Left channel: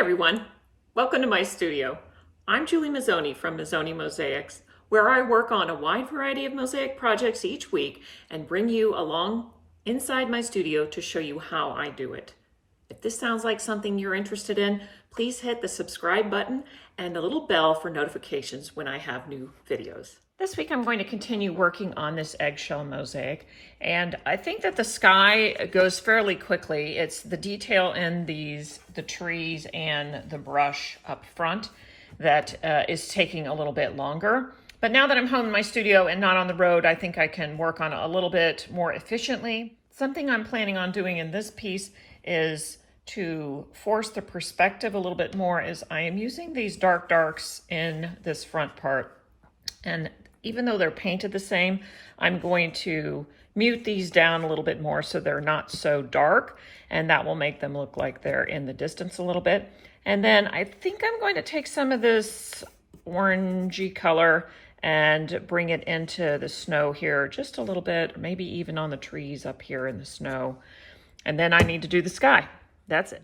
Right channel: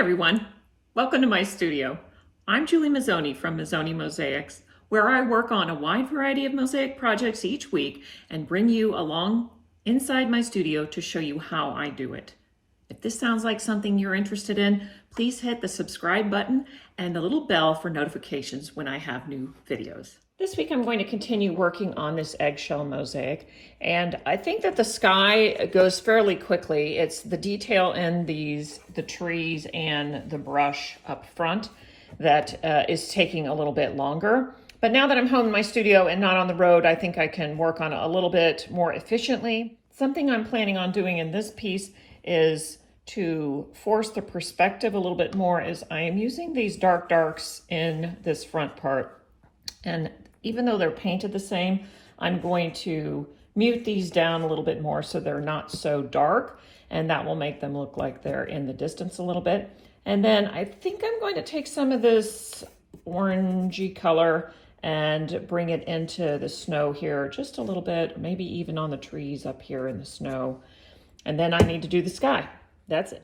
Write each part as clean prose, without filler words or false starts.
everyone, welcome to my studio. I'm Julie Mazzoni from Mazzoni Mosaics, where I work on a wide variety of mosaic projects each week and bring you along inside my studio to show you how I do it. If this sounds like something you're interested in, please hit the subscribe button and the little bell for notifications when I have new videos. This week I'm going to continue working on this eggshell mosaic, and I think that the sky goes fairly quickly. It's the detail in the trees and the brush up front that is taking a little bit longer. But now that I'm home in my studio and not on the road, I think I can work on it a little bit more efficiently. Something I'm planning on doing in this piece is to force the perspective a little bit more, is I am using these darks in this front part. And even though they're painted the same, I'm going to mute these down a little bit more so they're not so dark, and that will make them look like they're in the distance a little bit. And then I think I'm going to take some of this orangey color and bring it into the snow here just a little bit, maybe even on the trees up here in the snow. And then I need to do the sky. That's it.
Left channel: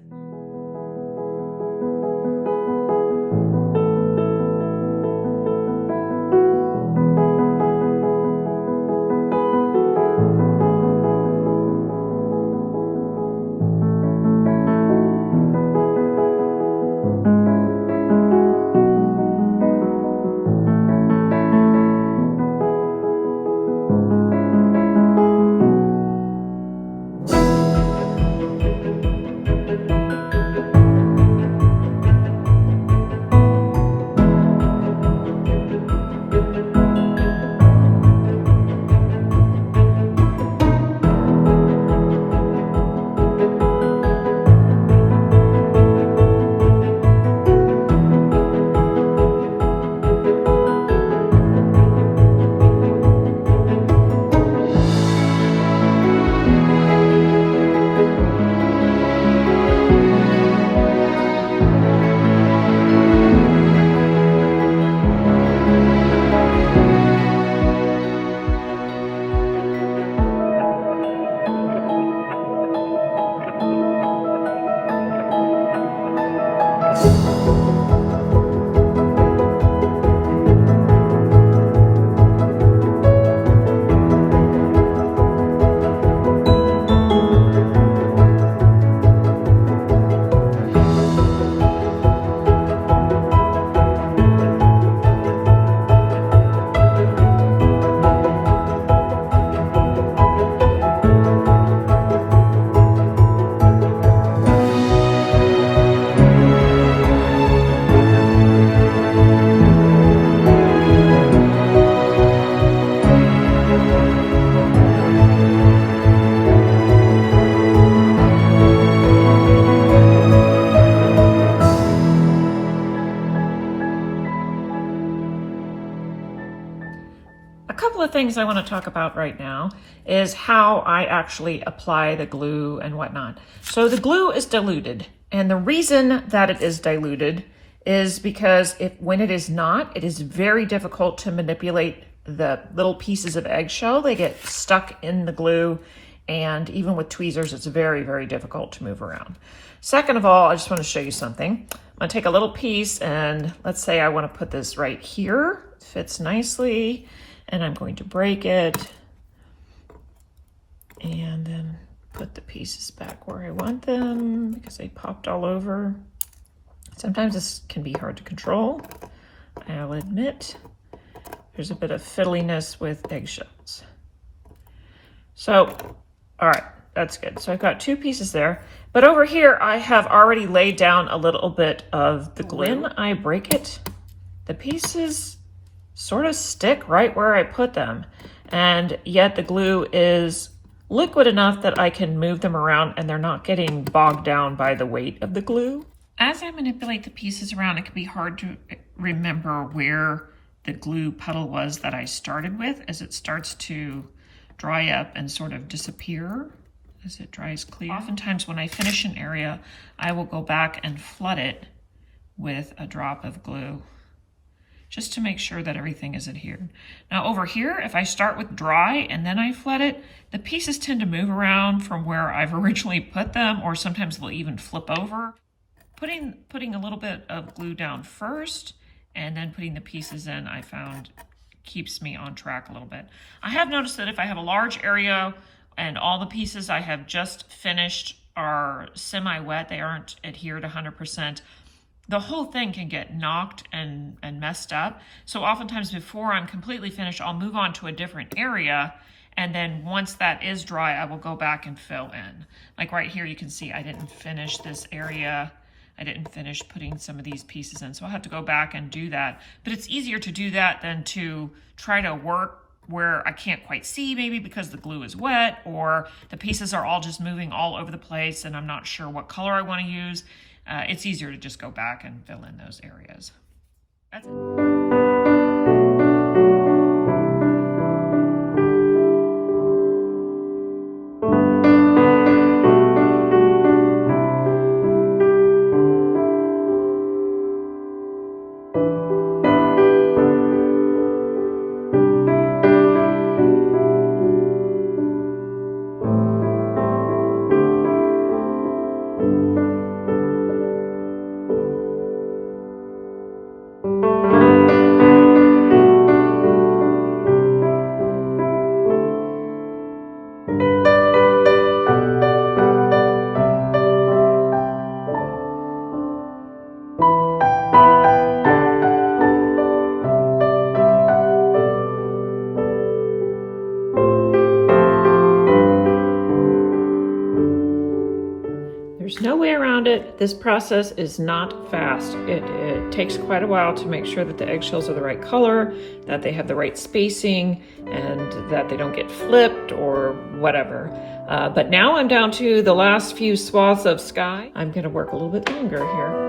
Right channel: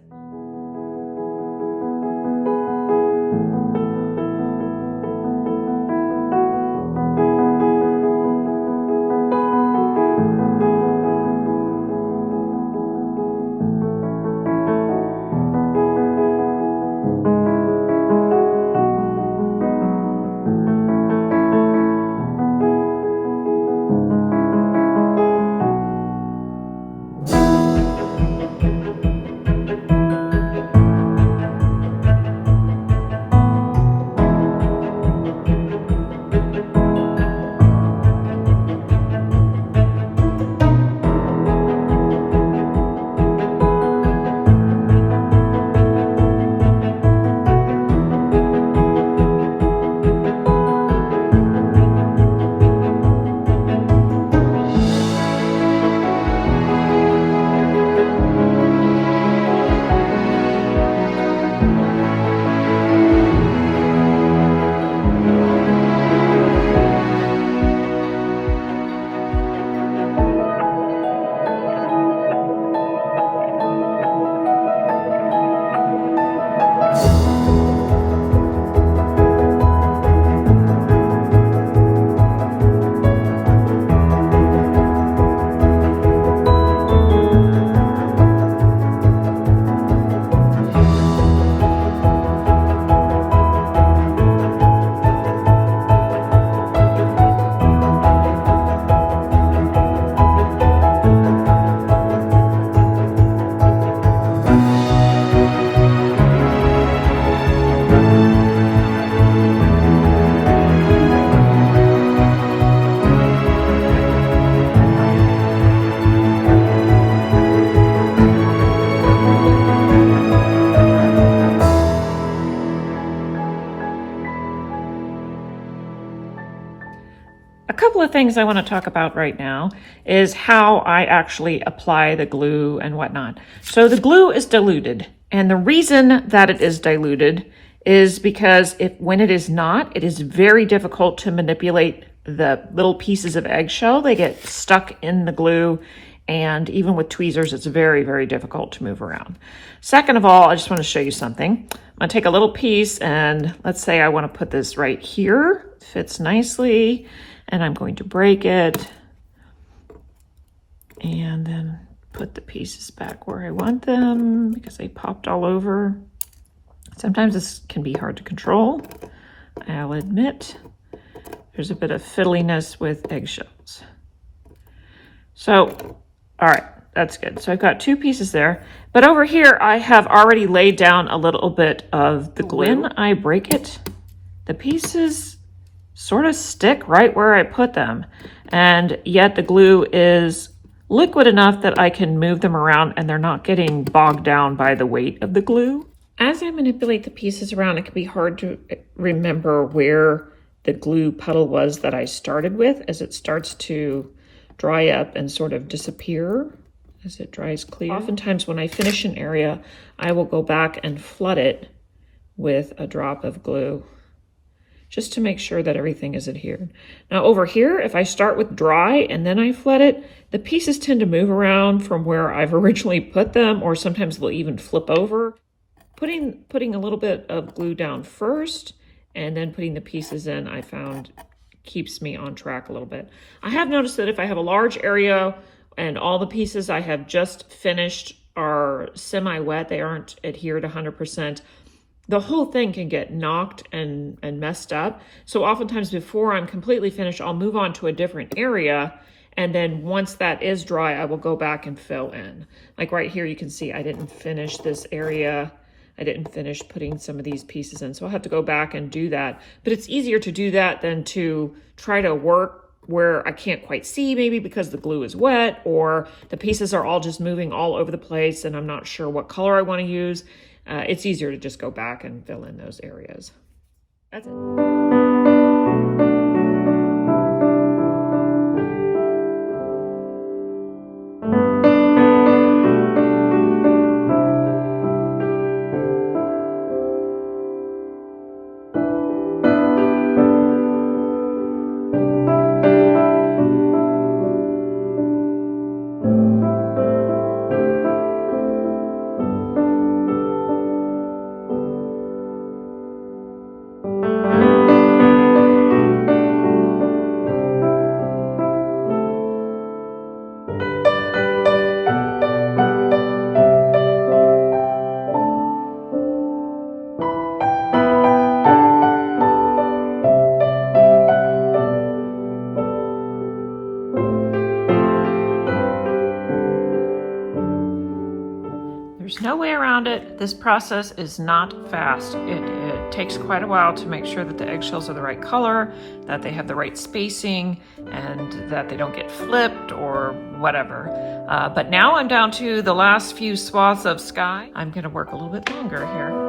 A couple of things I want to talk about right now is how I actually apply the glue and whatnot. So the glue is diluted, and the reason that it is diluted is because when it is not, it is very difficult to manipulate the little pieces of eggshell. They get stuck in the glue, and even with tweezers, it's very, very difficult to move around. Second of all, I just want to show you something. I'm going to take a little piece, and let's say I want to put this right here. It fits nicely. And I'm going to break it and then put the pieces back where I want them because they popped all over. Sometimes this can be hard to control, I'll admit. There's a bit of fiddliness with eggshells. So, all right, that's good. So I've got two pieces there, but over here I have already laid down a little bit of the glue. When I break it, the pieces sort of stick right where I put them, and yet the glue is liquid enough that I can move them around and they're not getting bogged down by the weight of the glue. As I manipulate the pieces around, it can be hard to remember where the glue puddle was that I started with as it starts to dry up and sort of disappear as it dries clear. Oftentimes when I finish an area, I will go back and flood it with a drop of glue, just to make sure that everything is adhered. Now over here, if I start with dry and then I flood it, the pieces tend to move around from where I've originally put them, or sometimes they'll even flip over. Putting a little bit of glue down first and then putting the pieces in, I found keeps me on track a little bit. I have noticed that if I have a large area and all the pieces I have just finished are semi-wet, they aren't adhered 100%, the whole thing can get knocked and messed up. So oftentimes before I'm completely finished, I'll move on to a different area. And then once that is dry, I will go back and fill in. Like right here, you can see I didn't finish this area. I didn't finish putting some of these pieces in. So I'll have to go back and do that. But it's easier to do that than to try to work where I can't quite see, maybe because the glue is wet or the pieces are all just moving all over the place and I'm not sure what color I want to use. It's easier to just go back and fill in those areas. That's it. There's no way around it. This process is not fast. It takes quite a while to make sure that the eggshells are the right color, that they have the right spacing, and that they don't get flipped or whatever. But now I'm down to the last few swaths of sky. I'm gonna work a little bit longer here.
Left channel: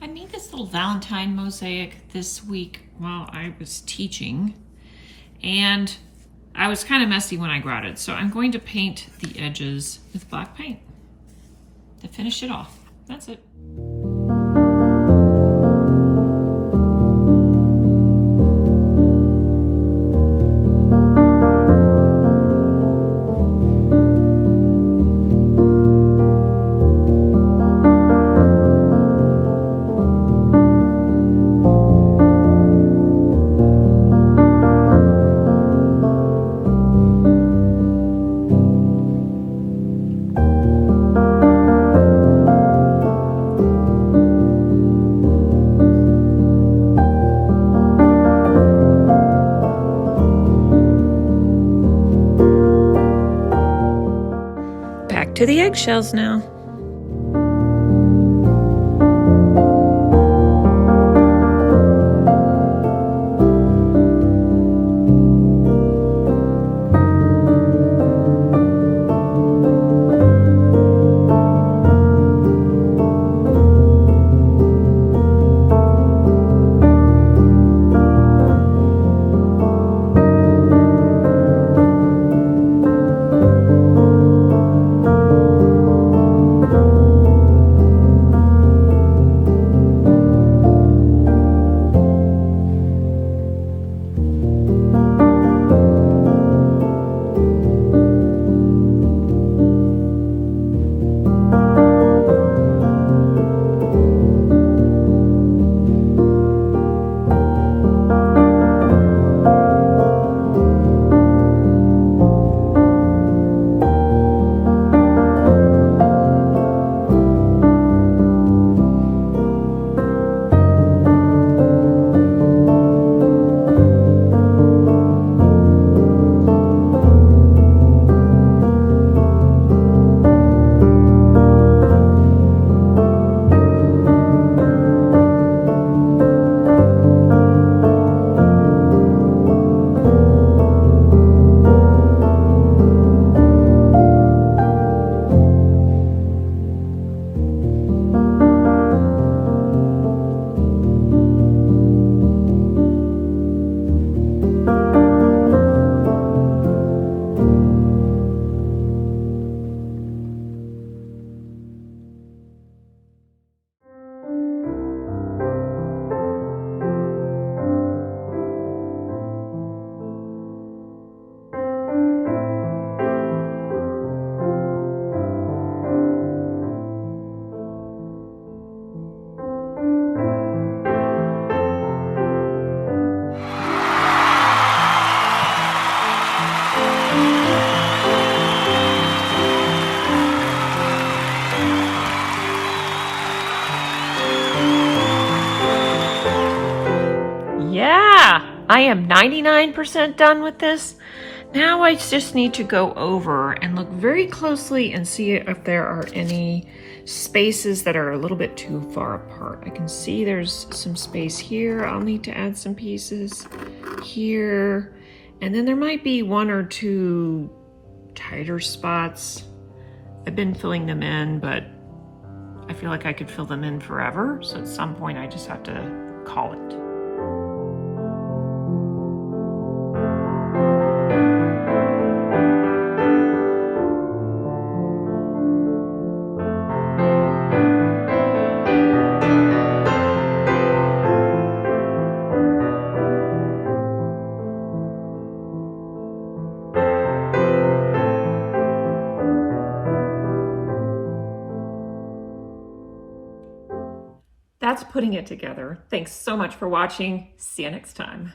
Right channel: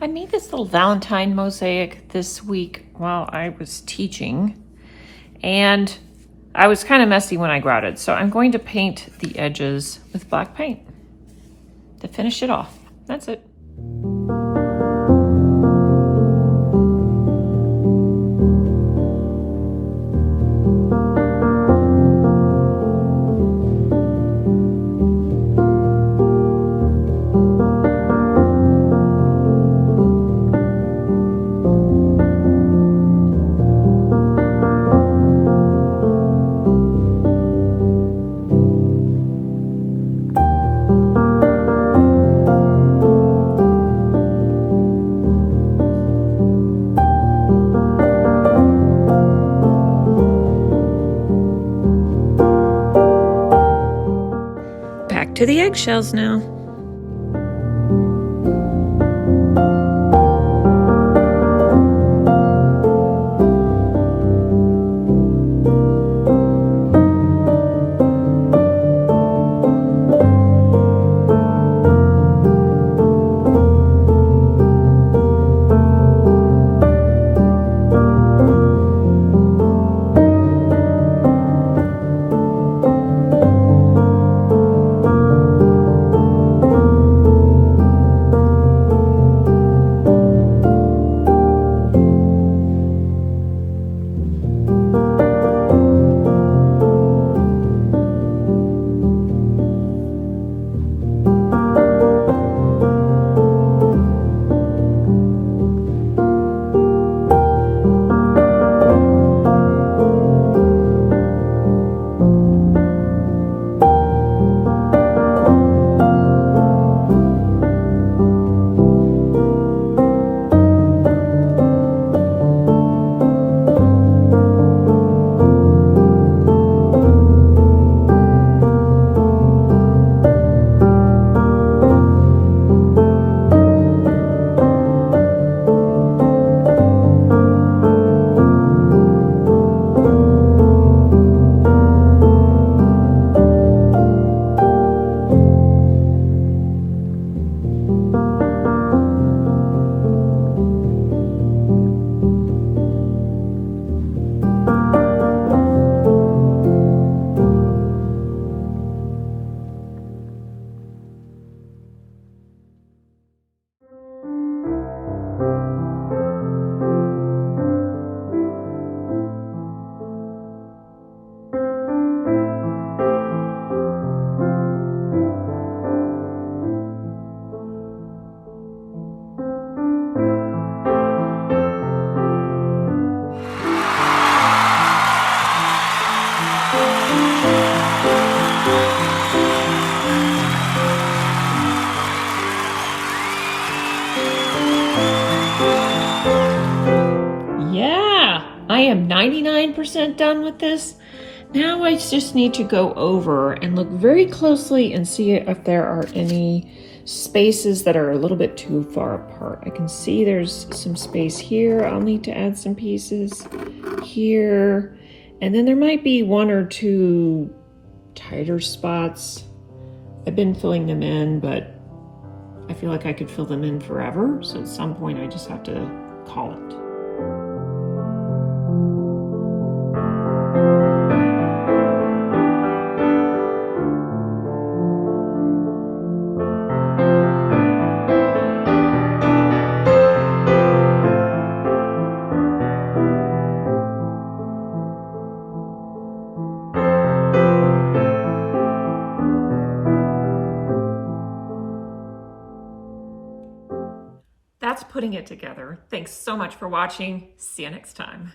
I made this little Valentine mosaic this week while I was teaching, and I was kind of messy when I grouted, so I'm going to paint the edges with black paint to finish it off. That's it. To the eggshells now. I am 99% done with this. Now I just need to go over and look very closely and see if there are any spaces that are a little bit too far apart. I can see there's some space here. I'll need to add some pieces here. And then there might be one or two tighter spots. I've been filling them in, but I feel like I could fill them in forever. So at some point I just have to call it. That's putting it together. Thanks so much for watching. See you next time.